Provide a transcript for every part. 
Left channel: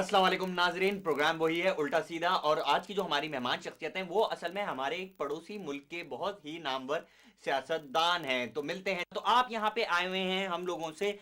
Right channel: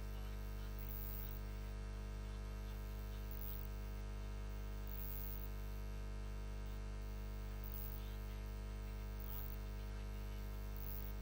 अस्सलाम वालेकुम नाजरीन, प्रोग्राम वही है उल्टा सीधा। और आज की जो हमारी मेहमान शख्सियत हैं वो असल में हमारे एक पड़ोसी मुल्क के बहुत ही नामवर सियासतदान हैं। तो मिलते हैं। तो आप यहाँ पे आए हुए हैं हम लोगों से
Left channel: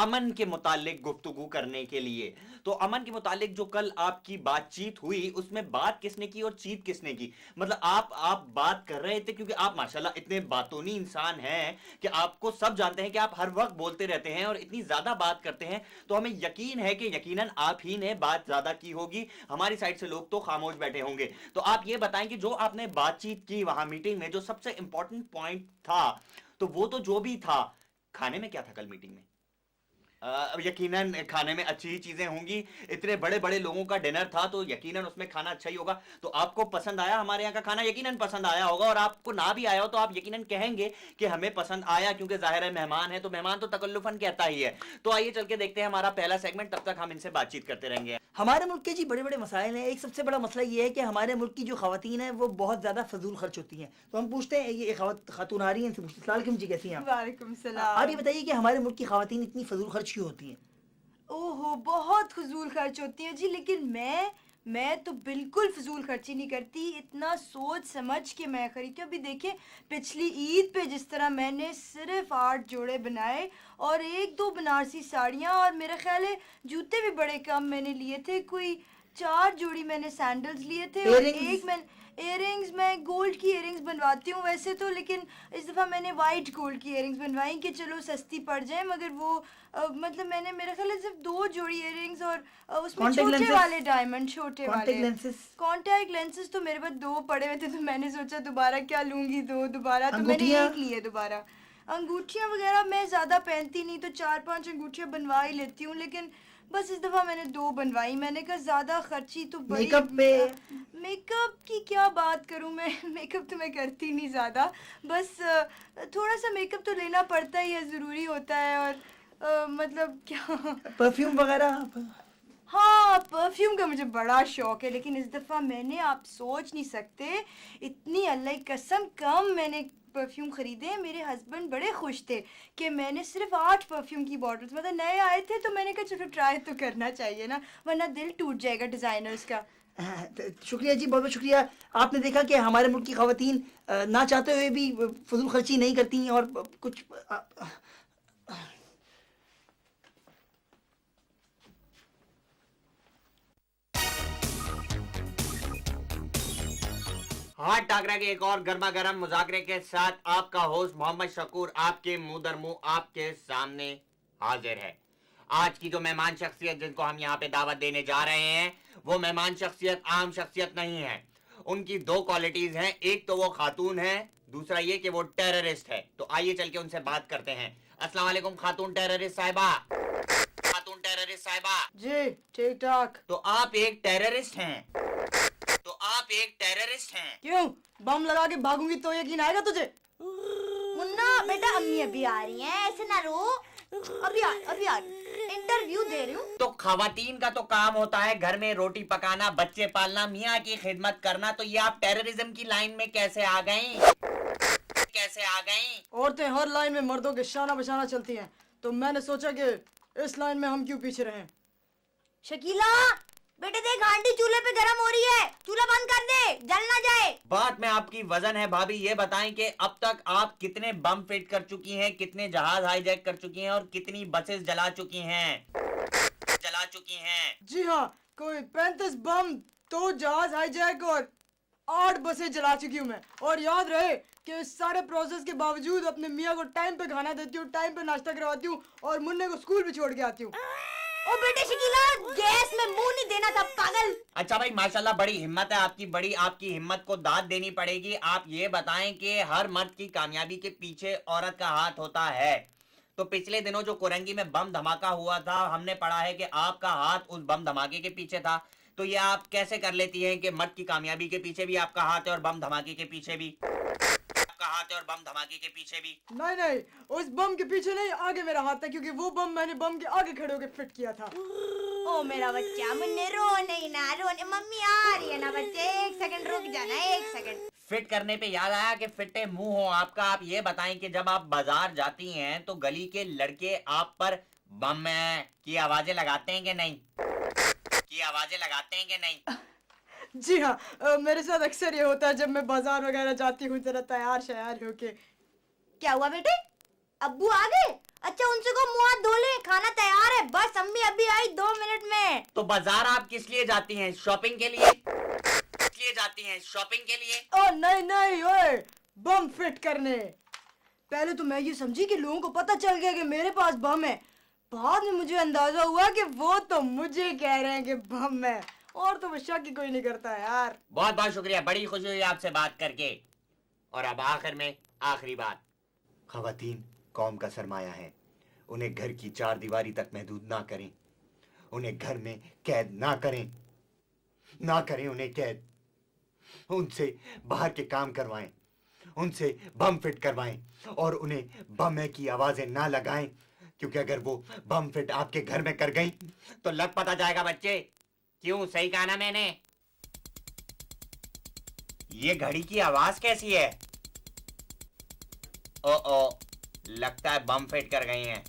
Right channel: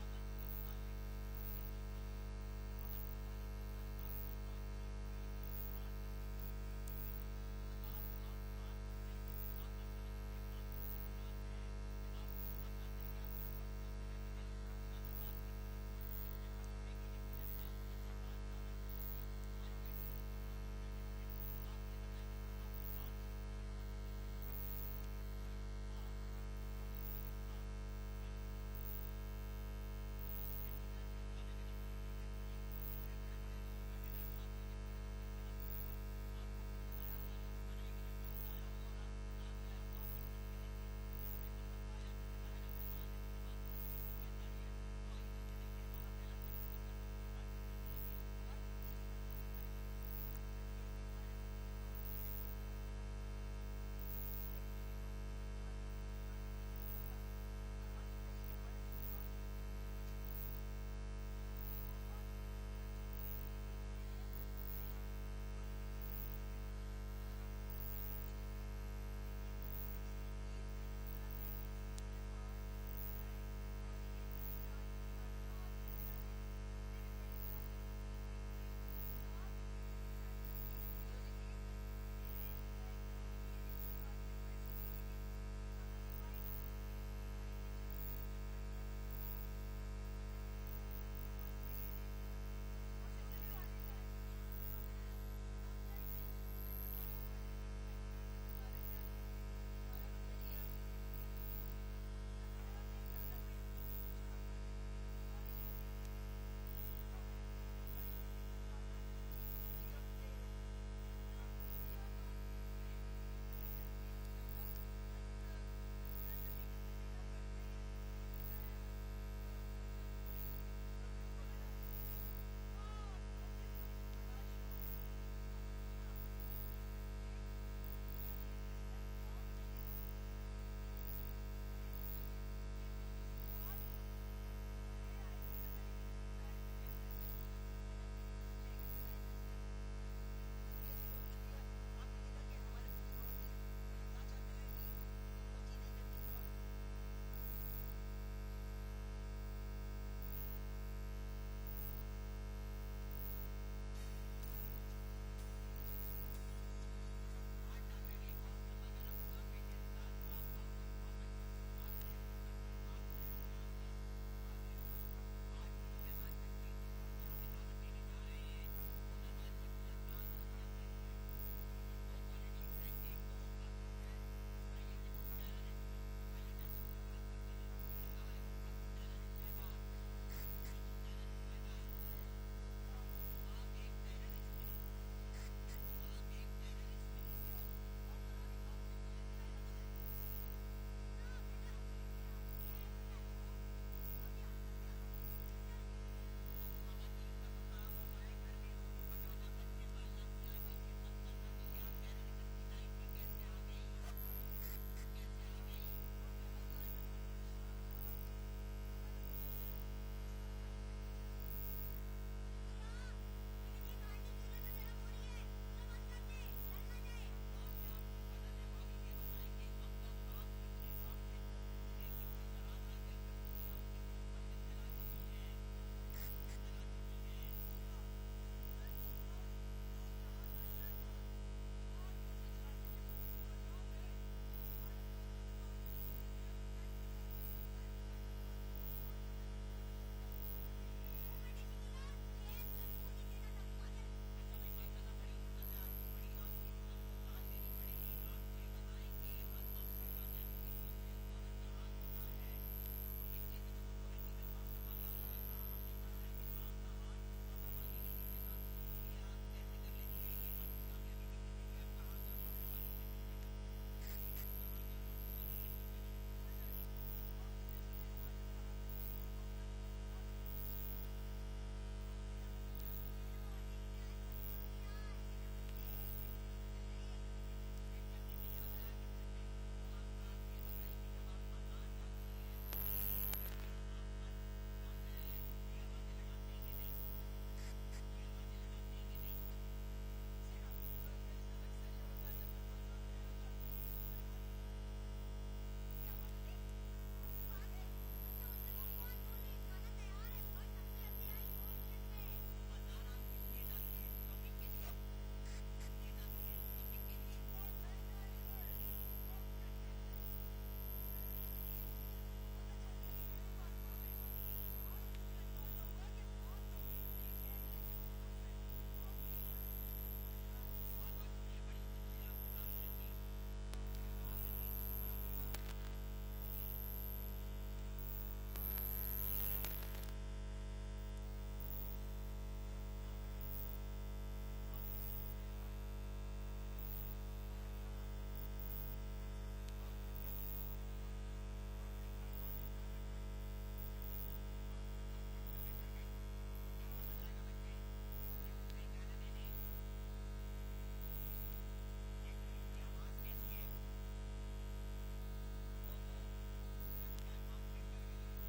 अमन के मुतालिक गुफ्तगू करने के लिए। तो अमन के मुतालिक जो कल आपकी बातचीत हुई उसमें बात किसने की और चीत किसने की? मतलब आप बात कर रहे थे क्योंकि आप माशाल्लाह इतने बातूनी इंसान हैं कि आपको सब जानते हैं कि आप हर वक्त बोलते रहते हैं और इतनी ज्यादा बात करते हैं। तो हमें यकीन है कि यकीनन आप ही ने बात ज्यादा की होगी, हमारी साइड से लोग तो खामोश बैठे होंगे। तो आप ये बताएं कि जो आपने बातचीत की वहां मीटिंग में, जो सबसे इंपॉर्टेंट पॉइंट था, तो वो तो जो भी था, खाने में क्या था कल मीटिंग में? यकीनन खाने में अच्छी ही चीजें होंगी। इतने बड़े बड़े लोगों का डिनर था तो यकीनन उसमें खाना अच्छा ही होगा। तो आपको पसंद आया हमारे यहाँ का खाना? यकीनन पसंद आया होगा। और आपको ना भी आया हो तो आप यकीनन कहेंगे कि हमें पसंद आया, क्योंकि जाहिर है मेहमान है तो मेहमान तो तकल्लुफन कहता ही है। तो आइए चल के देखते हैं हमारा पहला सेगमेंट, तब तक हम इनसे बातचीत करते रहेंगे। हमारे मुल्क के जी बड़े बड़े मसाइल हैं। एक सबसे बड़ा मसला ये है कि हमारे मुल्क की जो खवातीन हैं वो बहुत ज़्यादा फजूल खर्च होती हैं। तो हम पूछते हैं, ये खातून आ रही हैं, इनसे पूछते हैं, सलाम जी कैसी हैं आप? वालेकुम सलाम। आप ये बताइए कि हमारे मुल्क की खवातीन इतनी फजूल खर्च क्यों होती हैं? ओहो, बहुत फजूल खर्च होती है जी। लेकिन मैं तो बिल्कुल फजूल खर्ची नहीं करती। इतना सोच समझ के मैं खरीदती हूँ। अभी देखिए, पिछली ईद पे जिस तरह मैंने सिर्फ 8 जोड़े बनाए और 1-2 बनारसी साड़ियाँ, और मेरा ख्याल है जूते भी बड़े कम मैंने लिए थे। कोई 4 जोड़ी मैंने सैंडल्स लिए थे और एक मैं इयरिंग्स, मैं गोल्ड की इयरिंग्स बनवाती हूँ वैसे तो, लेकिन इस दफ़ा मैंने वाइट गोल्ड की इयरिंग्स बनवाई कि चलो सस्ती पड़ जाए। मगर वो मतलब मैंने, मेरा ख्याल है सिर्फ 2 जोड़ी इयरिंग्स और उसमें छोटे वाले डायमंड, छोटे वाले कॉन्टैक्ट लेंसेज तो मेरे पास 2 पड़े हुए थे। तो मैंने सोचा दोबारा क्या लूँगी, 2 दोबारा, तो मैंने 1 लिए दोबारा। अंगूठियाँ वगैरह मैं ज़्यादा पहनती नहीं, तो 4-5 अंगूठियाँ बनवा ही लेती हूँ, लेकिन बस इस दफ़ा मैंने 2 बनवाई। मैंने कहा ज़्यादा खर्ची तो बड़ी। मेकअप की क्या बात करूं मैं, मेकअप तो मैं करती नहीं ज़्यादा, बस थोड़ा सा मेकअप तो लेना पड़ता ही है, ज़रूरी होता है। और मतलब क्या, परफ्यूम वगैरह? हाँ, परफ्यूम का मुझे बड़ा शौक है, लेकिन इस दफ़ा मैंने, आप सोच नहीं सकते, इतनी अल्लाह की कसम कम मैंने परफ्यूम खरीदे। मेरे हस्बैंड बड़े खुश थे कि मैंने सिर्फ 8 परफ्यूम की बॉटल्स, मतलब नए आए थे तो मैंने कहा चलो ट्राई तो करना चाहिए ना, वरना दिल टूट जाएगा डिज़ाइनर्स का। शुक्रिया जी, बहुत बहुत शुक्रिया। आपने देखा कि हमारे मुल्क की खवातीन ना चाहते हुए भी फजूल खर्ची नहीं करती और कुछ हाथ टाकरा के एक और गर्मा गर्म मुजाकरे के साथ आपका होस्ट मोहम्मद शकूर आपके मुंह दर मुंह आपके सामने हाजिर है। आज की जो मेहमान शख्सियत जिनको हम यहाँ पे दावत देने जा रहे हैं, वो मेहमान शख्सियत आम शख्सियत नहीं है। उनकी 2 क्वालिटीज हैं, एक तो वो खातून है, दूसरा ये कि वो टेररिस्ट है। तो आइए चल के उनसे बात करते हैं। अस्सलाम वालेकुम खातून टेररिस्ट साहिबा। खातून टेररिस्ट साहिबा जी, ठीक ठाक। तो आप एक टेररिस्ट हैं? तो आप एक टेररिस्ट हैं? क्यों, बम लगा के भागूंगी तो यकीन आएगा तुझे? मुन्ना बेटा, अम्मी अभी आ रही हैं, ऐसे ना रो। अभी आ इंटरव्यू दे रही हूँ। तो खवातीन का तो काम होता है घर में रोटी पकाना, बच्चे पालना, मियाँ की खिदमत करना। तो ये आप टेररिज्म की लाइन में कैसे आ गईं? कैसे आ गईं? औरतें हर लाइन में मर्दों के शाना बशाना चलती हैं, तो मैंने सोचा कि इस लाइन में हम क्यों पीछे रहें। शकीला बेटे देख, हांडी चूल्हे पे गरम हो रही है, चूल्हा बंद कर दे, जल ना जाए। बात में आपकी वजन है भाभी। ये बताएं कि अब तक आप कितने बम फिट कर चुकी हैं, कितने जहाज हाईजैक कर चुकी हैं और कितनी बसेस जला चुकी हैं? जी हाँ, कोई 35 बम, 2 जहाज हाईजैक और 8 बसें जला चुकी हूँ मैं। और याद रहे कि इस सारे प्रोसेस के बावजूद अपने मियाँ को टाइम पे खाना देती हूँ, टाइम पे नाश्ता करवाती हूँ और मुन्ने को स्कूल भी छोड़ के आती हूँ। ओ बेटे शकीला, गैस में मुंह नहीं देना था पागल। अच्छा भाई, माशाल्लाह बड़ी हिम्मत है आपकी, बड़ी आपकी हिम्मत को दाद देनी पड़ेगी। आप ये बताएं कि हर मर्द की कामयाबी के पीछे औरत का हाथ होता है। तो पिछले दिनों जो कोरंगी में बम धमाका हुआ था, हमने पढ़ा है कि आपका हाथ उस बम धमाके के पीछे था। तो ये आप कैसे कर लेती हैं कि मर्द की कामयाबी के पीछे भी आपका हाथ है और बम धमाके के पीछे भी आपका हाथ है और बम धमाके के पीछे भी? नहीं, उस बम के पीछे नहीं, आगे मेरा हाथ है, क्योंकि वो बम मैंने बम के आगे खड़े होकर फिट किया था। ओ मेरा बच्चा, मुन्ने रो नहीं ना, रोने मम्मी आ रही है ना बच्चे, 1 सेकंड रुक जाना, 1 सेकंड। फिट करने पे याद आया कि फिटे मुंह हो आपका। आप ये बताएं कि जब आप बाजार जाती हैं तो गली के लड़के आप पर बम की आवाजें लगाते हैं कि नहीं? की आवाजें लगाते हैं कि नहीं? जी हाँ, मेरे साथ अक्सर ये होता है जब मैं बाजार वगैरह जाती हूँ जरा तैयार शयार होके। क्या हुआ बेटे? अब्बू आ गए? अच्छा उनसे को मुंह हाथ धो ले, खाना तैयार है, बस अम्मी अभी आई 2 मिनट में। तो बाजार आप किस लिए जाती हैं? शॉपिंग के लिए? किस लिए जाती हैं? शॉपिंग के लिए? ओ नहीं नहीं ओए, बम फिट करने। पहले तो मैं ये समझी कि लोगों को पता चल गया कि मेरे पास बम है, बाद में मुझे अंदाजा हुआ कि वो तो मुझे कह रहे हैं कि बम है, और तो वो शक ही कोई नहीं करता यार। बहुत बहुत शुक्रिया, बड़ी खुशी हुई आपसे बात करके। और अब आखिर में आखिरी बात, खवातीन कौम का सरमाया है, उन्हें घर की 4 दीवारी तक महदूद ना करें, उन्हें घर में कैद ना करें, ना करें उन्हें कैद, उनसे बाहर के काम करवाएं, उनसे बम फिट करवाएं और उन्हें बम की आवाजें ना लगाएं, क्योंकि अगर वो बम फिट आपके घर में कर गई तो लग पता जाएगा बच्चे। क्यों, सही कहा ना मैंने? ये घड़ी की आवाज कैसी है? ओ लगता है बम फिट कर गई हैं।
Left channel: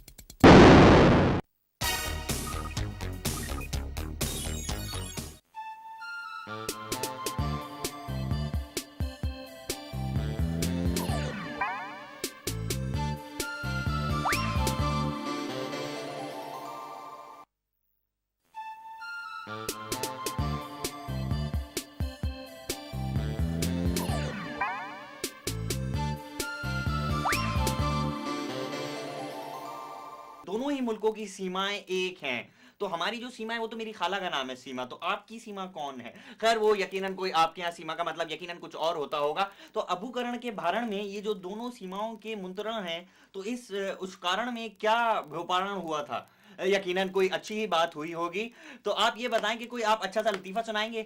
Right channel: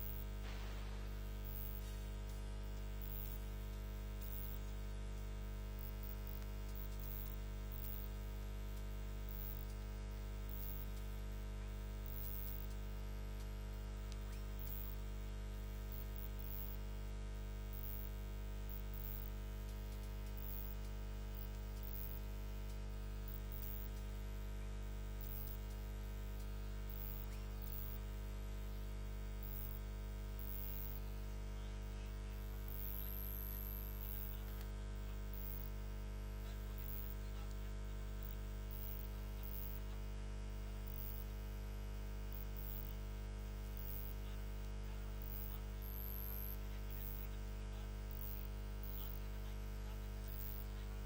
दोनों ही मुल्कों की सीमाएं एक हैं, तो हमारी जो सीमा है वो तो मेरी खाला का नाम है सीमा, तो आपकी सीमा कौन है? खैर वो यकीनन कोई, आपके यहाँ सीमा का मतलब यकीनन कुछ और होता होगा। तो अबू करण के भारण में ये जो दोनों सीमाओं के मुंतरण हैं, तो इस उस कारण में क्या गोपारण हुआ था? यकीनन कोई अच्छी ही बात हुई होगी। तो आप ये बताएं कि कोई आप अच्छा सा लतीफा सुनाएंगे?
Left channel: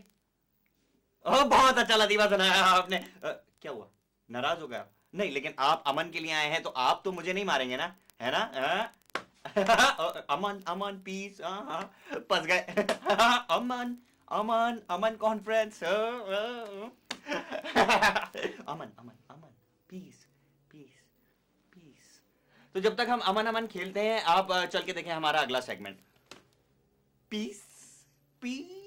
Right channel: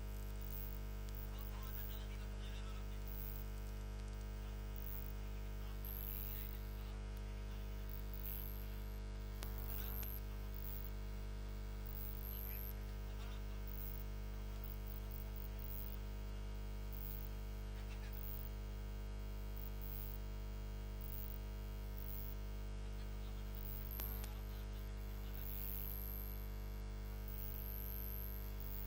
बहुत अच्छा लतीफा सुनाया आपने। क्या हुआ, नाराज हो गया? नहीं, लेकिन आप अमन के लिए आए हैं तो आप तो मुझे नहीं मारेंगे ना, है ना? अमन अमन पीस, फंस गए। अमन अमन अमन कॉन्फ्रेंस। अमन अमन अमन पीस पीस पीस। तो जब तक हम अमन अमन खेलते हैं, आप चल के देखें हमारा अगला सेगमेंट, पीस पीस।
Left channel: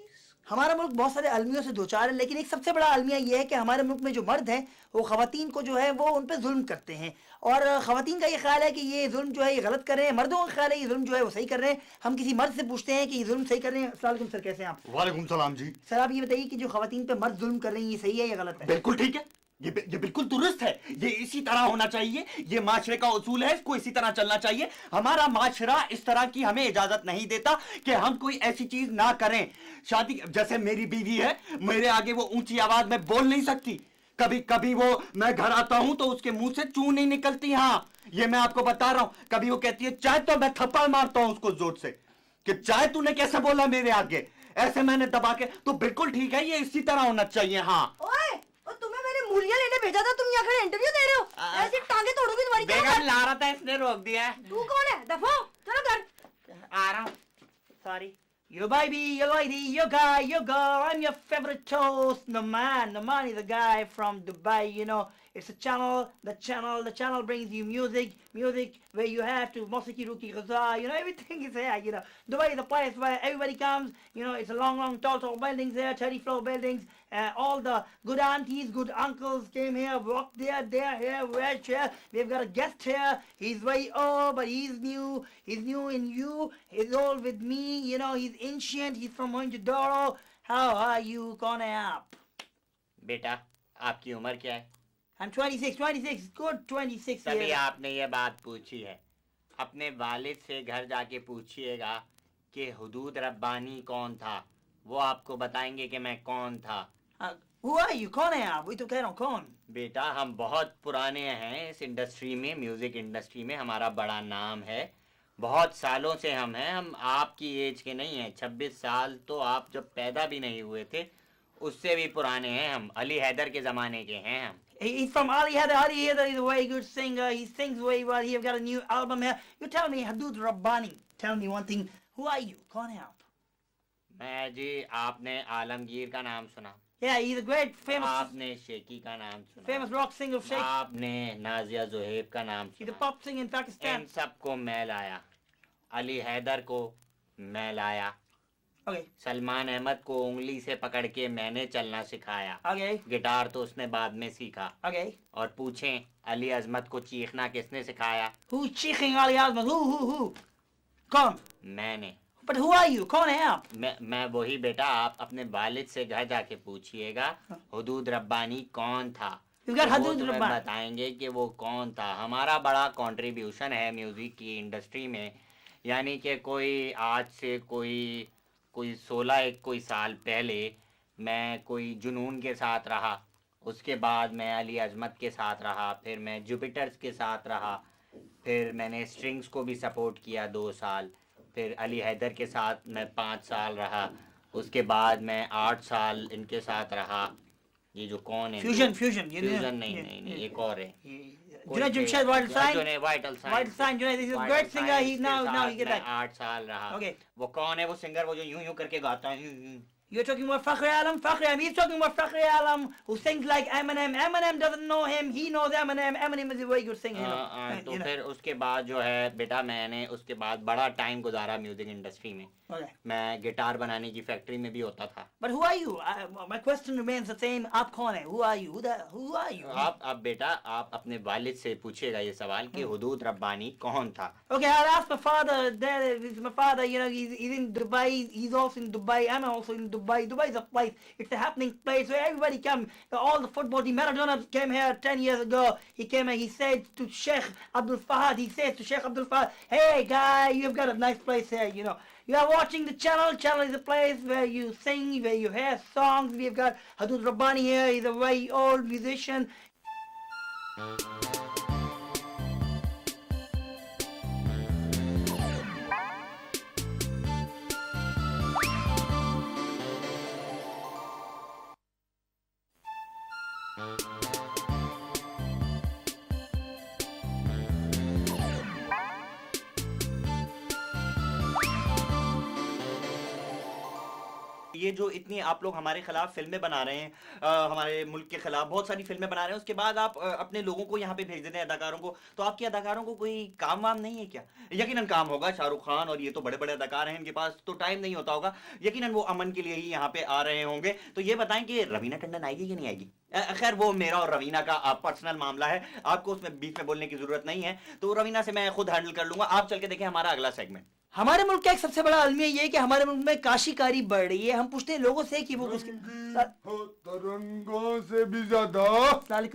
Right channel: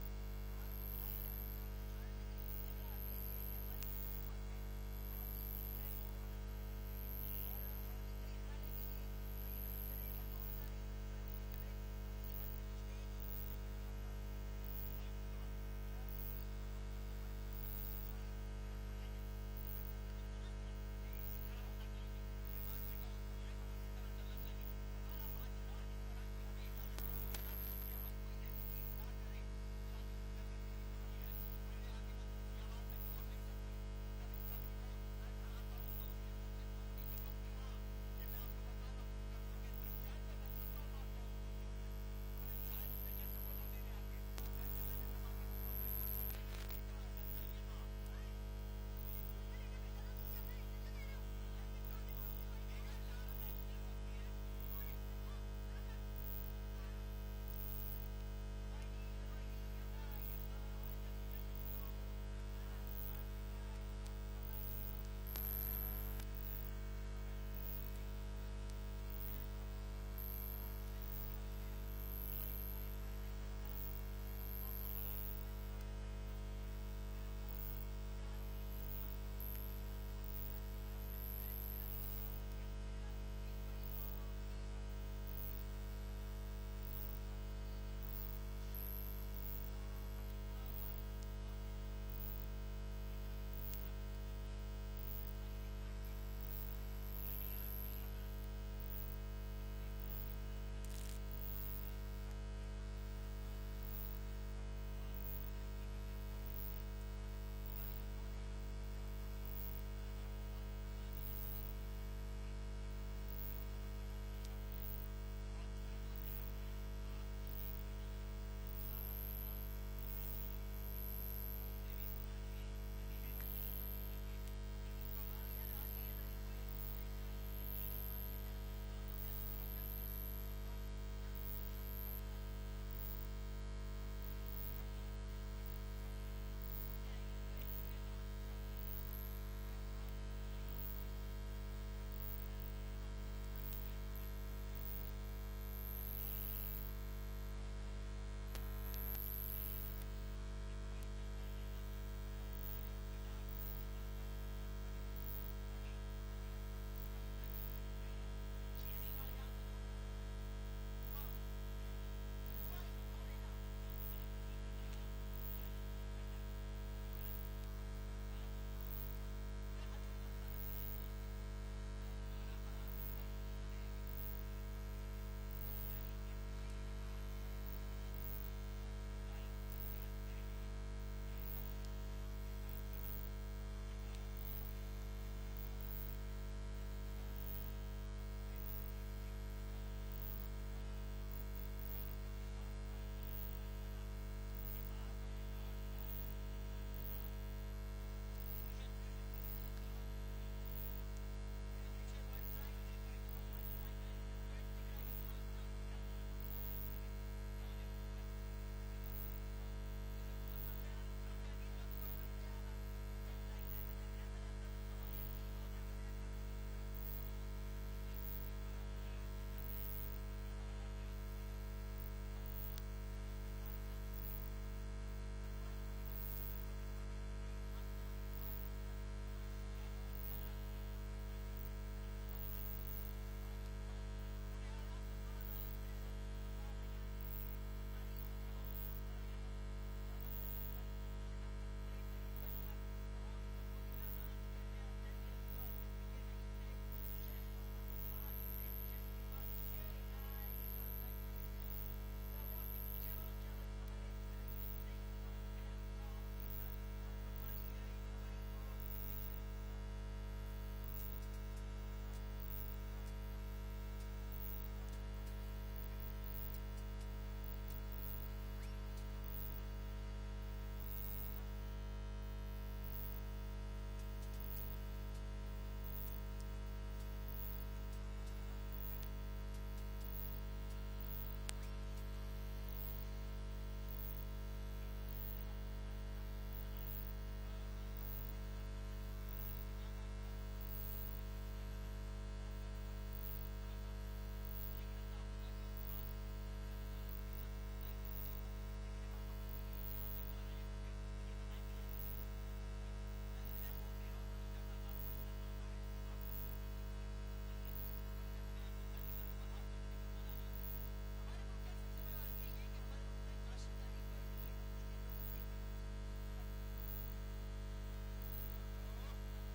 हमारा मुल्क बहुत सारे अलमियों से दो चार है, लेकिन एक सबसे बड़ा अलमिया ये है कि हमारे मुल्क में जो मर्द हैं वो खवातीन को जो है वो उन पर जुल्म करते हैं, और खवातीन का ये ख्याल है कि ये जुल्म जो है ये गलत कर रहे हैं, मर्दों का ख्याल है ये जुल्म जो है वो सही कर रहे हैं। हम किसी मर्द से पूछते हैं कि ये जुल्म सही कर रहे हैं। अस्सलाम वालेकुम सर, कैसे हैं आप? वालेकुम सलाम जी। सर आप ये बताइए कि जो खवातीन पे मर्द जुल्म कर रही हैं ये सही है या गलत है? बिल्कुल ठीक है, ये बिल्कुल दुरुस्त है, ये इसी तरह होना चाहिए, ये माशरे का उसूल है, इसको इसी तरह चलना चाहिए। हमारा माशरा इस तरह की हमें इजाजत नहीं देता कि हम कोई ऐसी चीज ना करें। शादी, जैसे मेरी बीवी है, मेरे आगे वो ऊंची आवाज में बोल नहीं सकती, कभी कभी वो, मैं घर आता हूं तो उसके मुंह से चू नहीं निकलती। हाँ, ये मैं आपको बता रहा हूं। कभी वो कहती है चाय, तो मैं थप्पड़ मारता हूं उसको जोर से कि चाय तूने कैसे बोला मेरे आगे, ऐसे मैंने दबा के। तो बिल्कुल ठीक है, ये इसी तरह होना चाहिए। हाँ ओए, और तुम्हें मैंने मूलियां लेने भेजा था, तुम यहाँ खड़े इंटरव्यू दे रहे हो? ऐसी टांगे तोड़ोगी तुम्हारी। बेगम ला रहा था, इसने रोक दिया। तू कौन है? दफा हो, चलो घर। आ रहा हूँ, sorry. Your baby, your lady, your guy, your girl, I'm your favorite toast, Naman. Naman is a guy from Dubai, you know. It's a channel, the channel brings you music where you have to Mosiki Ruki Ghaza, you know, everything is there, you know. Dubai is a place where everybody comes, you know, it's a long, tall buildings there, 30-floor buildings. All the good aunties, good uncles came here, walked there, they're here, we're here. We've got a guest here. He's very old, but he's new. He's new in you. He's old with me. You know, he's ancient. He's from Mohenjo-daro. How are you, कौन है आप? बेटा, आपकी उम्र क्या है? I'm 26, good 26 तभी years. आपने ये बात पूछी है। अपने वालिद से घर जाके पूछिएगा कि हुदूद रब्बानी कौन था, वो आपको बताएंगे कि मैं कौन था। Who are you? कौन है आप? वही तो कह रहा हूँ, कौन? बेटा, हम बहुत पुराने हैं इस इंडस्ट्री में, म्यूजिक इंडस्ट्री में हमारा बड़ा नाम है, बहुत सालों से हम हैं। हम आपकी एज के नहीं हैं, 26 साल तो आप जब पैदा भी नहीं हुए थे, उससे भी पुराने हैं हम, अली हैदर के ज़माने के हैं हम। He's from Ali Haider. Ali Haider is a very good singer. He sings very well. He's got a new album here. You tell me, Hadood Rabbani, tell me one thing. Who are you? कौन है आप? मैं जी, आपने आलमगीर का नाम सुना? Yeah, he's a great आपने shaky का नाम सुना? famous rock singer of Sheikh. आपने नाजिया ज़ुहैब का नाम He's a सुना? pop singer in Pakistan. इन सबको मैं लाया, अली हैदर को मैं लाया, Okay. सलमान अहमद को उंगली से पकड़ के मैंने चलना सिखाया। Okay. गिटार तो उसने बाद में सीखा। Okay. और पूछें अली अजमत को चीखना किसने सिखाया? Who's cheating Ali Azmat? Who? कौन? मैंने। But who are you? कौन है आप? मैं वही बेटा, आप अपने वालिद से घर जाके पूछिएगा हुदूद रब्बानी कौन था। You got तो वो Hudud तुम्हें Rabbani. बताएंगे कि वो कौन था। हमारा बड़ा कंट्रीब्यूशन है म्यूजिक की इंडस्ट्री में, यानी कि कोई आज से कोई 16 साल पहले मैं कोई जुनून के साथ रहा, उसके बाद मैं अली अजमत के साथ रहा, फिर मैं जुपिटर्स के साथ रहा, फिर मैंने स्ट्रिंग्स को भी सपोर्ट किया 2 साल, फिर अली हैदर के साथ मैं 5 साल रहा, उसके बाद मैं 8 साल इनके साथ रहा। ये जो कौन है? Fusion. फ्यूजन नहीं, एक और है। Junaid Jamshed, Vital Sign. Vital Vital Sign. Junaid, this is a great singer. He now he get that. 8 साल रहा। Okay. वो कौन है वो सिंगर, वो जो यूं करके गाता है? You're talking about Fakhri Alam. Fakhri Alam. He's talking about Fakhri Alam, who sings like Eminem. Eminem doesn't know him. He knows Eminem. Eminem is a very good singer. तो फिर उसके बाद जो है बेटा, मैंने उसके बाद बड़ा टाइम गुजारा म्यूजिक इंडस्ट्री में। Okay. मैं गिटार बनाने की फैक्ट्री में भी होता था। But who are you? My question remains the same. आप कौन है? Who are you? Who are you? आप बेटा, आप अपने वालिद से पूछेगा ये सवाल कि हुदूद रब्बानी कौन था। Okay, I'll ask my father. My father, you know, he's in Dubai. He's also in Dubai. I'm also in Dubai. Dubai is a place. It's a happening place where everybody come. All the football team. Maradona came here 10 years ago. He came and he said to Sheikh Abdul Fahad. He said to Sheikh Abdul Fahad, "Hey guy, you've got a nice place here. You know, you are watching the channel. Channel is a place where you sing, where you hear songs. We've got Hudud Rabbani here. He's a very old musician." ये जो इतनी आप लोग हमारे खिलाफ फिल्में बना रहे हैं, हमारे मुल्क के खिलाफ बहुत सारी फिल्में बना रहे हैं, उसके बाद आप अपने लोगों को यहाँ पे भेज देते हैं अदाकारों को, तो आपके अदाकारों को कोई काम वाम नहीं है क्या? यकीनन काम होगा, शाहरुख खान और ये तो बड़े बड़े अदाकार हैं, इनके पास तो टाइम नहीं होता होगा, यकीनन वो अमन के लिए ही यहाँ पे आ रहे होंगे। तो ये बताएं कि रवीना टंडन आएगी कि नहीं आएगी? खैर वो मेरा और रवीना का पर्सनल मामला है, आपको उसमें बीच में बोलने की जरूरत नहीं है, तो रवीना से मैं खुद हैंडल कर लूंगा। आप चल के देखें हमारा अगला सेगमेंट। हमारे मुल्क का एक सबसे बड़ा अलमिया ये है कि हमारे मुल्क में काशीकारी बढ़ रही है। हम पूछते हैं लोगों से कि वो उसके तरंगों से भी ज्यादा सर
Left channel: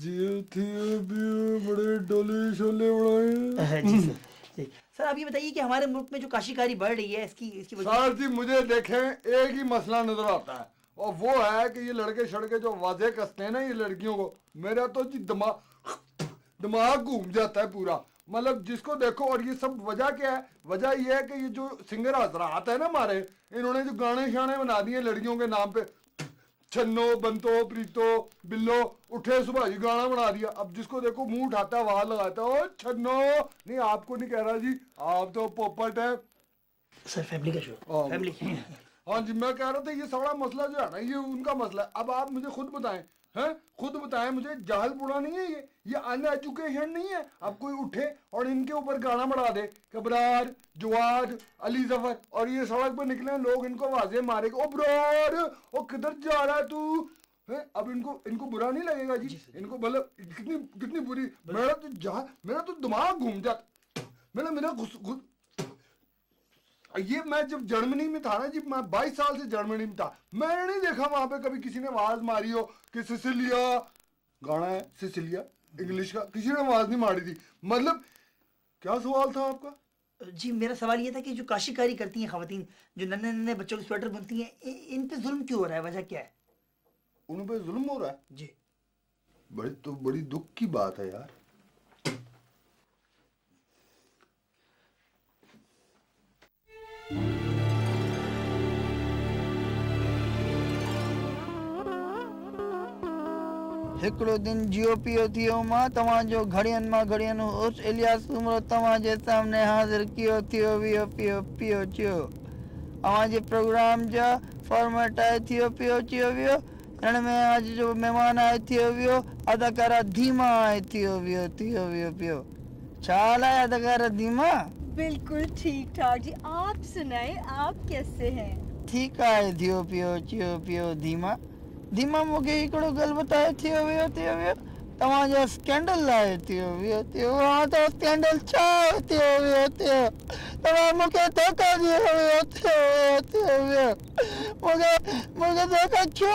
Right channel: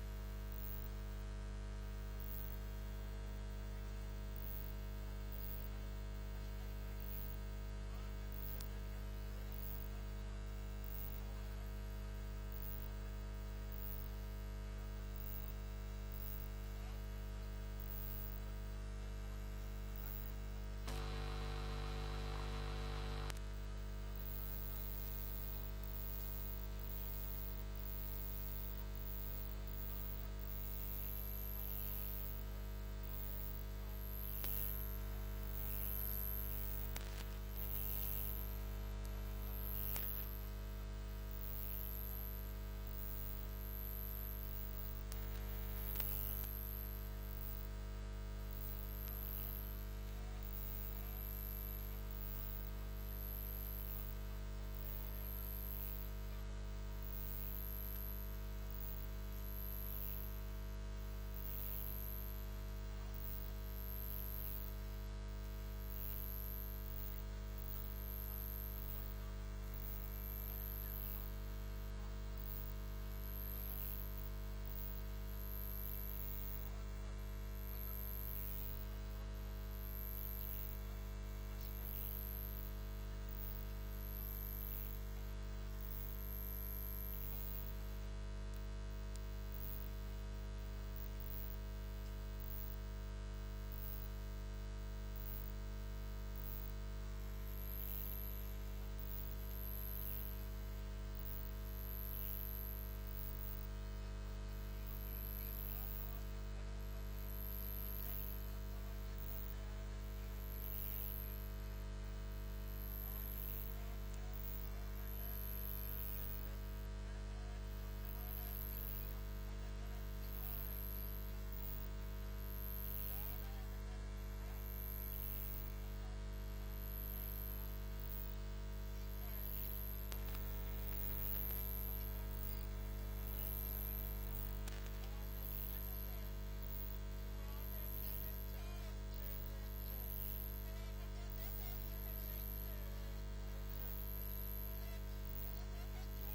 जी थी अभी बड़े डोले शोले उड़ाए। जी सर। सर आप ये बताइए कि हमारे मुल्क में जो काशीकारी बढ़ रही है इसकी वजह। सर जी मुझे देखें एक ही मसला नजर आता है, और वो है कि ये लड़के शड़के जो वाजे कसते हैं ना ये लड़कियों को, मेरा तो जी दिमाग घूम जाता है पूरा। मतलब जिसको देखो, और ये सब वजह क्या है? वजह ये है कि ये जो सिंगर हजरात है ना हमारे, इन्होंने जो गाने शाने बना दिए लड़कियों के नाम पे, छन्नो बंतो प्रीतो बिल्लो उठे सुबह जी गाना बना दिया। अब जिसको देखो मुंह उठाता है आवाज लगाता है, ओ छन्नो। नहीं आपको नहीं कह रहा जी, आप तो पोपट है सर। फैमिली का शो फैमिली। हाँ जी मैं कह रहा था ये सारा मसला जो है ना ये उनका मसला है। अब आप मुझे खुद बताएं, हैं खुद बताएं मुझे, जाहल बुरा नहीं है ये अनएजुकेशन नहीं है। अब कोई उठे और इनके ऊपर गाना बढ़ा दे, कबरार जवाद अली जफर, और ये सड़क पे निकले लोग इनको वाजे मारे, ओ ब्रार ओ किधर जा रहा है तू? अब इनको बुरा नहीं लगेगा जी? इनको मतलब कितनी बुरी। मेरा तो दिमाग घूम जाता। मेरा ये मैं जब जर्मनी में था ना जी, मैं 22 साल से जर्मनी में था, मैंने नहीं देखा वहां पे कभी किसी ने आवाज मारी हो कि सिसिलिया गाना है, सिसिलिया इंग्लिश का, किसी ने आवाज नहीं मारी थी। मतलब क्या सवाल था आपका? जी मेरा सवाल ये था कि जो काशीकारी करती हैं खवातीन, जो नन्हे नन्हे बच्चों के स्वेटर बुनती हैं, इन पे जुल्म क्यों हो रहा है? वजह क्या है? उन पे जुल्म हो रहा है जी। बड़ी दुख की बात है यार। हिकिड़ो दिन जियो पियो थियो मां तव्हांजो घड़ियनि मां घड़ियनि उस इलियास उमिरि तव्हांजे सामने हाज़िर कियो थियो वियो पियो पियो चियो। अव्हांजे प्रोग्राम जा फॉर्मेट आहे थियो पियो चियो वियो। हिन में अॼु जो महिमान आहे थियो वियो अदाकारा धीमा आहे थियो वियो पियो। छा हाल आहे अदाकारा धीमा? बिल्कुल ठीक ठाक जी। आप सुनाए, आप कैसे हैं? ठीक आहे थियो पियो धीमा धीमा मूंखे हिकिड़ो ॻाल्हि ॿुधायो थियो वियो तव्हांजा स्कैंडल लाइ थियो हा त स्कैंडल छा थियो तव्हां मूंखे धोखा ॾियो थियो मूंखे धोखा छो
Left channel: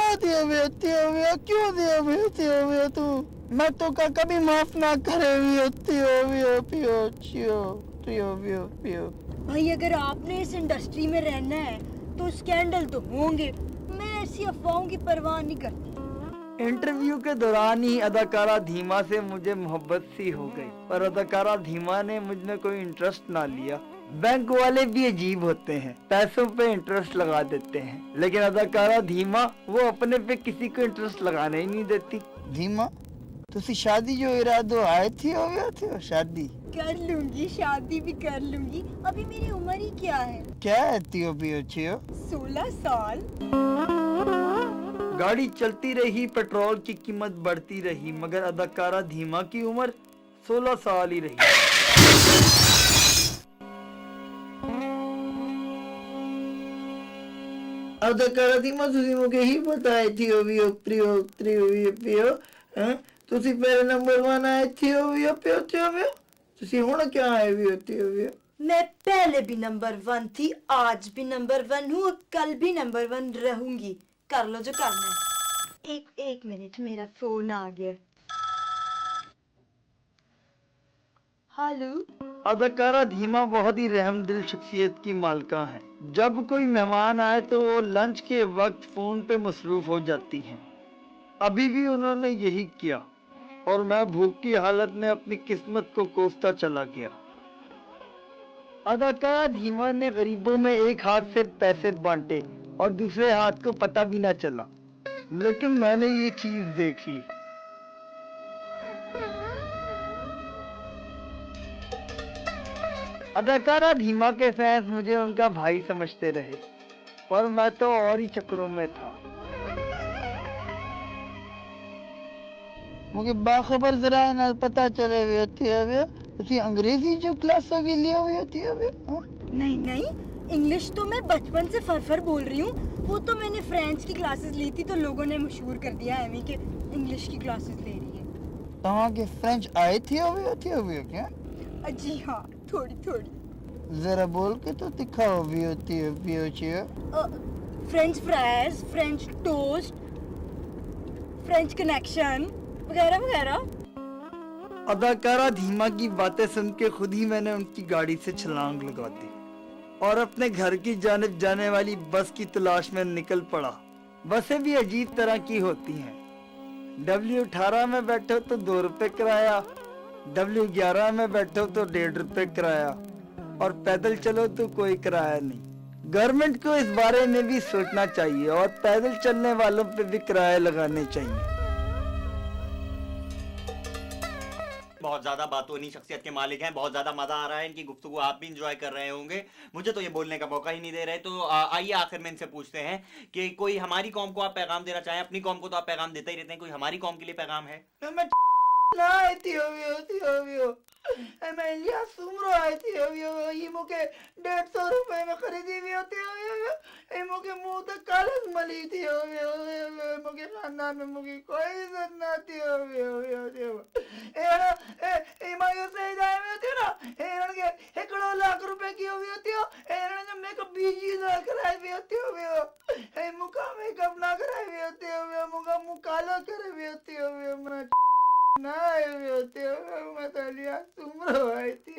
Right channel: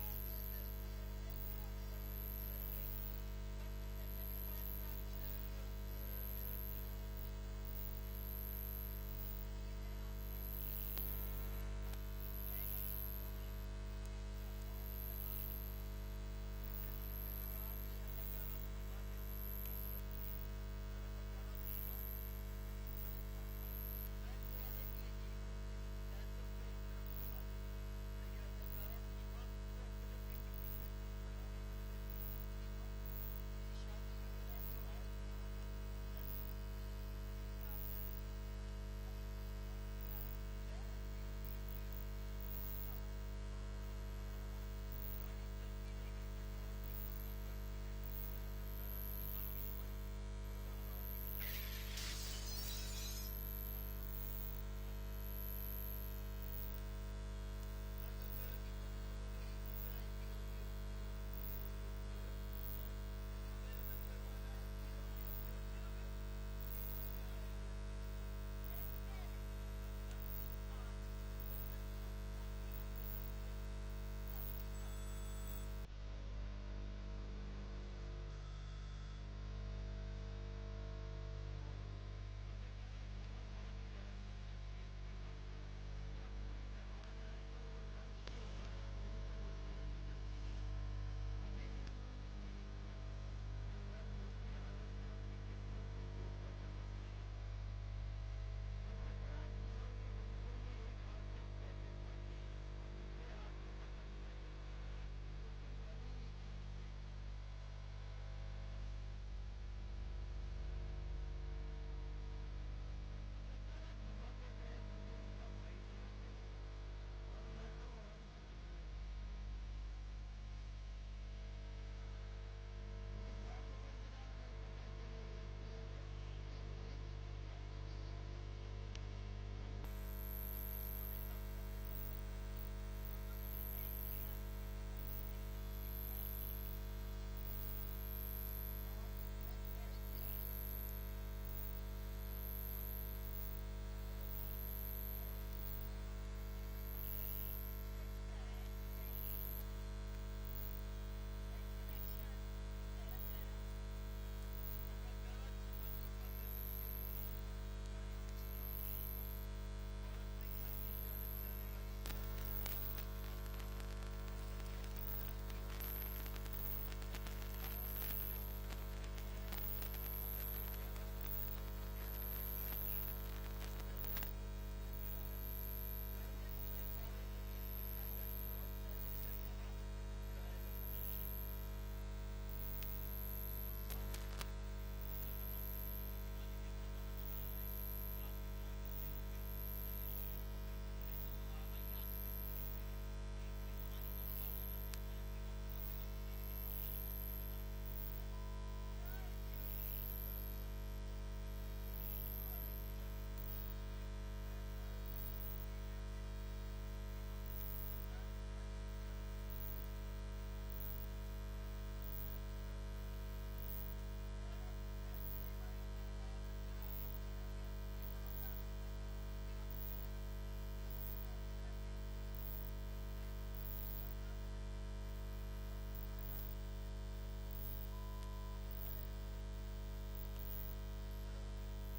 क्यों थियो तूं मैं तोखा कभी माफ ना करे पियो भाई अगर आपने इस इंडस्ट्री में रहना है तो स्कैंडल तो होंगे। मैं ऐसी अफवाहों की परवाह नहीं करती। इंटरव्यू के दौरान ही अदाकारा धीमा से मुझे मोहब्बत सी हो गई, पर अदाकारा धीमा ने मुझ में कोई इंटरेस्ट ना लिया। बैंक वाले भी अजीब होते हैं, पैसों पे इंटरेस्ट लगा देते हैं, लेकिन अदाकारा धीमा वो अपने पे किसी को इंटरेस्ट लगाने ही नहीं देती। धीमा तुसी शादी जो इरादो आए थी हो शादी कर लूंगी, शादी भी कर लूंगी। अभी मेरी उम्र ही क्या है? क्या है थियो 16 साल। गाड़ी चलती रही, पेट्रोल की कीमत बढ़ती रही, मगर अदाकारा धीमा की उम्र 16 साल ही रही। अदाकारा धीमा तुसी मुझे ही बताए थियो पियो तुसी पहले नंबर 1 आए थियो पियो तुसी हुण क्या आए थियो मैं पहले भी नंबर 1 थी, आज भी नंबर 1 हूँ, कल भी नंबर 1 रहूंगी। कर लो जो करना है। एक मिनट, मेरा फोन आ गया। हेलो। अदाकारा धीमा बहुत ही रहमदिल शख्सियत की मालका है। जब कोई मेहमान आए तो वो लंच के वक्त फोन पे मसरूफ हो जाती हैं। अभी भी उन्होंने यही किया और मैं भूख की हालत में अपनी किस्मत को कोसता चला गया। अदाकारा धीमा ने गरीबों में एक हाथ से पैसे बांटे और दूसरे हाथ को पता भी ना चला, लेकिन मैंने ये चीज देख ली। अदाकारा धीमा के फैंस मुझे उनका भाई समझते रहे, पर मैं तो और ही चक्रों में था। मुझे बाखबर जरा ना पता चले तुसी अंग्रेजी जो क्लास भी लिया हुई होती है। नहीं, इंग्लिश तो मैं बचपन से फर बोल रही हूँ। वो तो मैंने फ्रेंच की क्लासेस ली थी तो लोगों ने मशहूर कर दिया एमी के इंग्लिश की क्लासेस ले रही है। तहाँ के फ्रेंच आए थे क्या? जी हाँ, थोड़ी। जरा बोल के तो दिखाओ भी होती है। French fries, French toast, French connection वगैरह। अदाकारा धीमा की बातें सुन के खुद ही मैंने उनकी गाड़ी से छलांग लगा दी और अपने घर की जानिब जाने वाली बस की तलाश में निकल पड़ा। बसें भी अजीब तरह की होती हैं। W18 में बैठो तो 2 रुपए किराया, W11 में बैठो तो 1.5 रुपए किराया और पैदल चलो तो कोई किराया नहीं। गवर्नमेंट को इस बारे में भी सोचना चाहिए और पैदल चलने वालों पे भी किराए लगाने चाहिए। बहुत ज्यादा बातूनी शख्सियत के मालिक हैं, बहुत ज्यादा मजा आ रहा है इनकी गुफ्तगू, आप भी इंजॉय कर रहे होंगे। मुझे तो ये बोलने का मौका ही नहीं दे रहे। तो आइए आखिर में इनसे पूछते हैं कि कोई हमारी कौम को आप पैगाम देना चाहें। अपनी कौम को तो आप पैगाम देते ही रहते हैं, कोई हमारी कौम के लिए पैगाम है? मैं इलियास सुमरो आई थी ये मुके 150 रुपए में खरीदी हुई होती है। मुके मुंह तक कालस मली थी मुके खानदान में मुके कोई इज्जत ना थी मायूस से जाए में थी ना के 1 लाख रुपए की हुई होती हो जब मेकअप बीजी ना कराई हुई होती हो मुका मेकअप ना कराई हुई होती हो मुका मुंह काला करे हुई होती हो ना होती हो मैं तो लिया तुम आई थी